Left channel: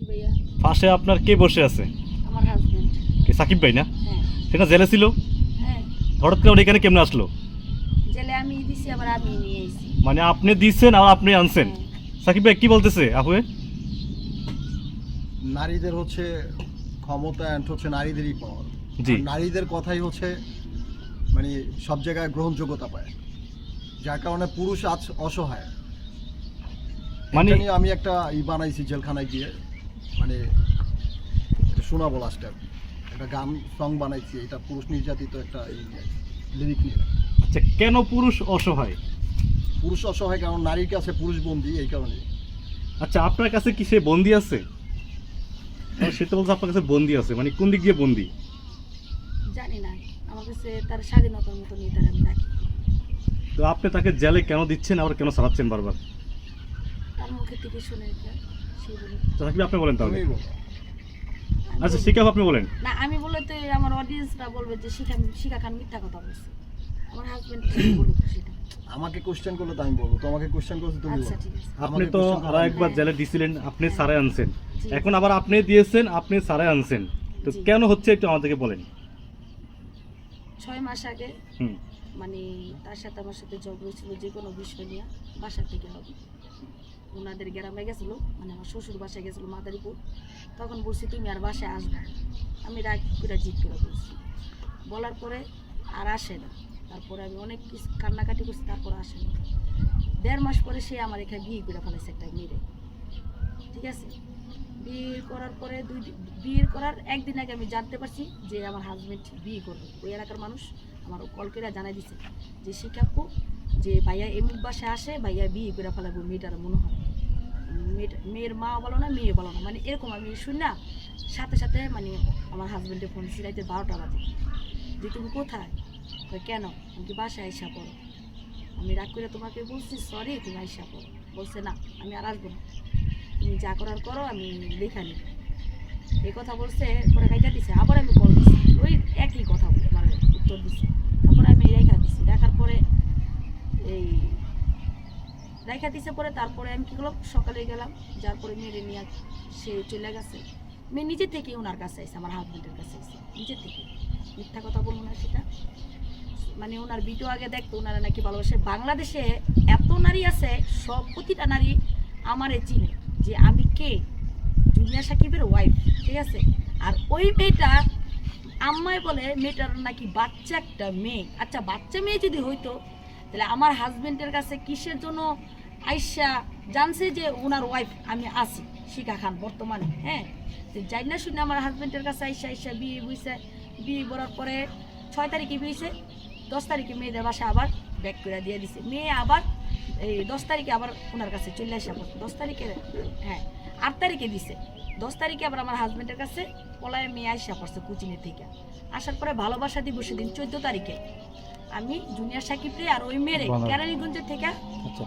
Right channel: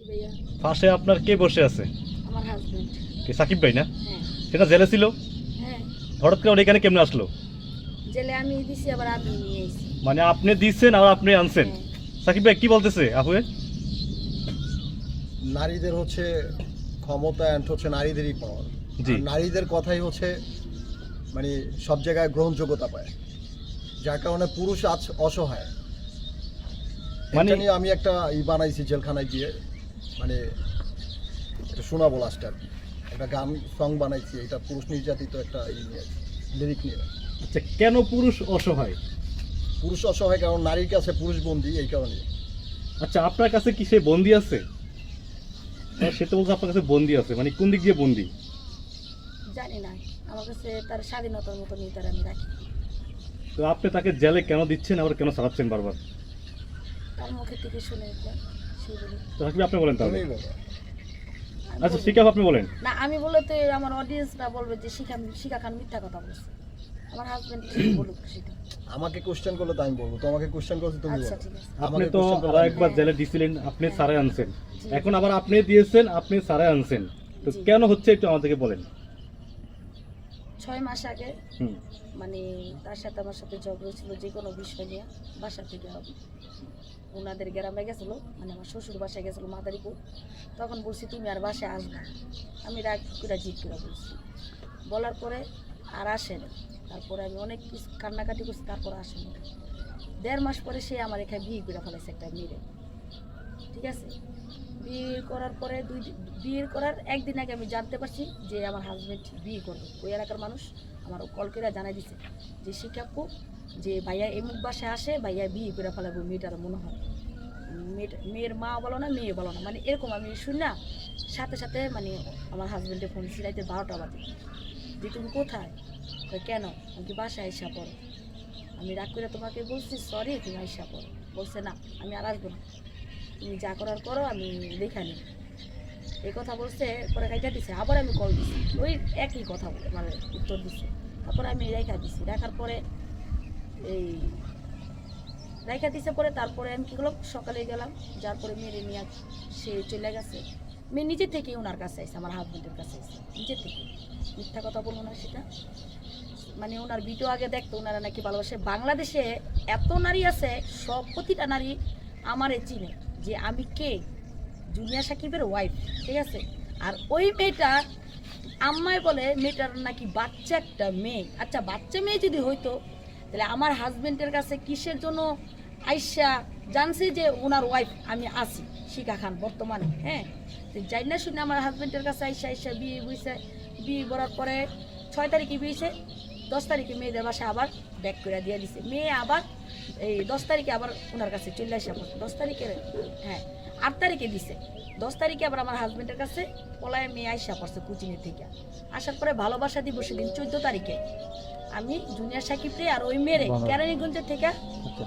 ভাইয়া। পাশে আপনার কে বসে আছে? আমার হাজবেন্ড কে সাকিব ভাই না? হ্যাঁ। সেটা জেলে ছিল? হ্যাঁ। হঠাৎ করে এখানে কেমনে আসলো? জেলে আমি দিছি আবার আমি নিয়ে এসেছি মানে আপনি দিচ্ছেন আর আপনি আনছেন। হ্যাঁ। সাকিব ভাই কি বলতেছে আপুয়ে নারীদের হচ্ছে ক্ষমতা অ্যান্ড হচ্ছে নারীদেরই পাওয়ার। জি। নারীদের কথাই হচ্ছে মানে সব জায়গায় গ্রহণযোগ্যতা পায়। যার কারণে পুরুষ আজ অসহায়। মানে- মানে আমি একটা ই বানাইছি জেলখানায় গিয়ে। মানে এটা শোনাবো লাস্টে আর কি একটা গান সং বানাইছি এটা পুরুষ নির্যাতিত একটা ই লিরিক নিয়ে। আচ্ছা কেন পুরুষ অসহায়? পুরুষ অসহায় কারণ নারীর কাছে পুরুষ বন্দী এই কারণে। আচ্ছা আপনার কাছে কি সে বন্দি আছে? সে তো বলছে আপনার কাছে বন্দি আছে মানে কোন দিক দিয়ে বন্দি? জানি না আমার কাছে তার স্বাধীনতার মতো নিয়ে তার আমি রাখি। তো আপনি তাকে জেলে কেন দিচ্ছেন আবার কেন সারাচ্ছেন বারবার? তার মুখে থেকে শুনে এটা সে বলি তো আপনি বলেন তাহলে। আচ্ছা বলব। আপনি বলেন। না আমি বলে তো আমার অডিয়েন্সরা বলবে যে শিখা শিখা খান মিথ্যা কথা বলছে। আমার হাজবেন্ড বলুক সেটা। আমাকে কোশ্চেন করলে তো আমি বলব। তোমাকে কোশ্চেন করছি তুমি আচ্ছা বলো। আপনি আমাকে তো একবার হ্যাঁ। জেলে দিছিলেন আপনি হ্যাঁ। সারে আনছেন। এখন আবার আপনি দিয়েছেন আপনি সারে আনছেন। তো কেন হচ্ছে একটু আমাদেরকে বলেন। ছয় মাস আগে মানে তার সাথে আমার সাথে ঝগড়া হয়েছিল যে কোনো বিষয় নিয়ে বাসা থেকে হবে ওনাদের গ্রামে গেছিল মানে আমার শ্বশুর বাসায় গেছিল মাদারীপুর। তখন বলছি তুমি আর বাসায় আসবা আমি রাগ করে জিত করে বলছি। বলার পরে আর আসে না। তারপরে আমি অনেক কিছু কান্নাকাটি করছি তারপর আসে না। দেড় মাস পরে সে আমার এখানে বিয়ে করে ফেলাইছে একটা মেয়ে ঠিক আছে? বিয়ে করার পরে দুই দিন- বিয়ে করার একদিন আগে আমি জানতে পারছি যে আমার হাজবেন্ড বিয়ে করবে। ওই এলাকার মানুষ আমার কল জানাই দিছে যে শিকাপু যে ভাইয়া এমুক বাসায় আসে, ভাইয়া বিয়ে করে ফেলাবো মেয়েটার মনে হয়। মেয়েটা, মেয়ের মা বলো না, মেয়ে বলো না মানে এরকম আমি শুনি না সাথে সাথে মানে আমার হাজবেন্ডের ফোন সিরাইতে বারোটা বাজে। যে, তুমি কোথায়? কেন? আমি বাসায় আইসা পড়ো। আমি রাগ করে তোমাকে বলছি, সরি, তুমি আইসা পড়ো। বলছে, না, আমি আর আসব না। তুমি যা করার করো, আমি লেখা নিই এই কথা বলছে, পরে কাইটা দিছে, আবার আমি কল দিছি। ওই একই কথা বলে মানে উত্তর দিছে। তারপরে আমি রেখা দিছি। রাখার পরে এই রেখা দিছে পরে তারপরে আমি কি করলাম? সকালে গেলাম, যার পরে মেরে নিয়ে সে চলে গেছে। মেয়ে নিজে থেকে ওনার কাছে আসছে আমার হাজবেন্ডের কাছে আসছে নিজে থেকে। মিথ্যা কথা বলব না সেটা। মানে ওনার ভিডিও আগে দেখতো, ওনারা নাকি ভালোবাসে। বাংলাদেশে এত নারী আছে, সব প্রতিটা নারী আমারে চিনে। যে আমি কে? জুনিয়া সাকিবের ওয়াইফ ঠিক আছে? আর ওই মেয়েটা, আম্মাই বলে মেয়েটার নাকি বাচ্চা একটা মেয়ে। আচ্ছা বাচ্চা মেয়ে যদি হইতো, তাহলে আমার হাজবেন্ডের কাছে কিসের জন্য আইসা জানছে যে ওনার ওয়াইফ আমি আছি শিখা খান বর্তমানে হ্যাঁ? যাই না শুনে আমার হাজবেন্ডের কাছে আইসা আইসা বিয়ে বুঝছে বিয়ে করার পরে ছয় তারিখে বিয়েছে দশ তারিখে মেয়েদের বাসায় আবার ব্যাক করে দিয়ে দিছে। মেয়ে আবার এই দশ তারিখে আবার ওনার কাছে চলে আসি আমার। দশ তারিখে হ্যাঁ আট তারিখে দিছে। দশ তারিখে আবার আমার হাজবেন্ডের কাছে পলায় মেয়ে আইসা পড়ছে কোচিনের থেকে। আসার পরে ভালোবাসা দিব দিন চোদ্দ তারিখে। আমি জুনিয়র সাকিব রে আর ওই মেয়েরে কেরানিগঞ্জের কেরানীগঞ্জের থেকে আচ্ছা।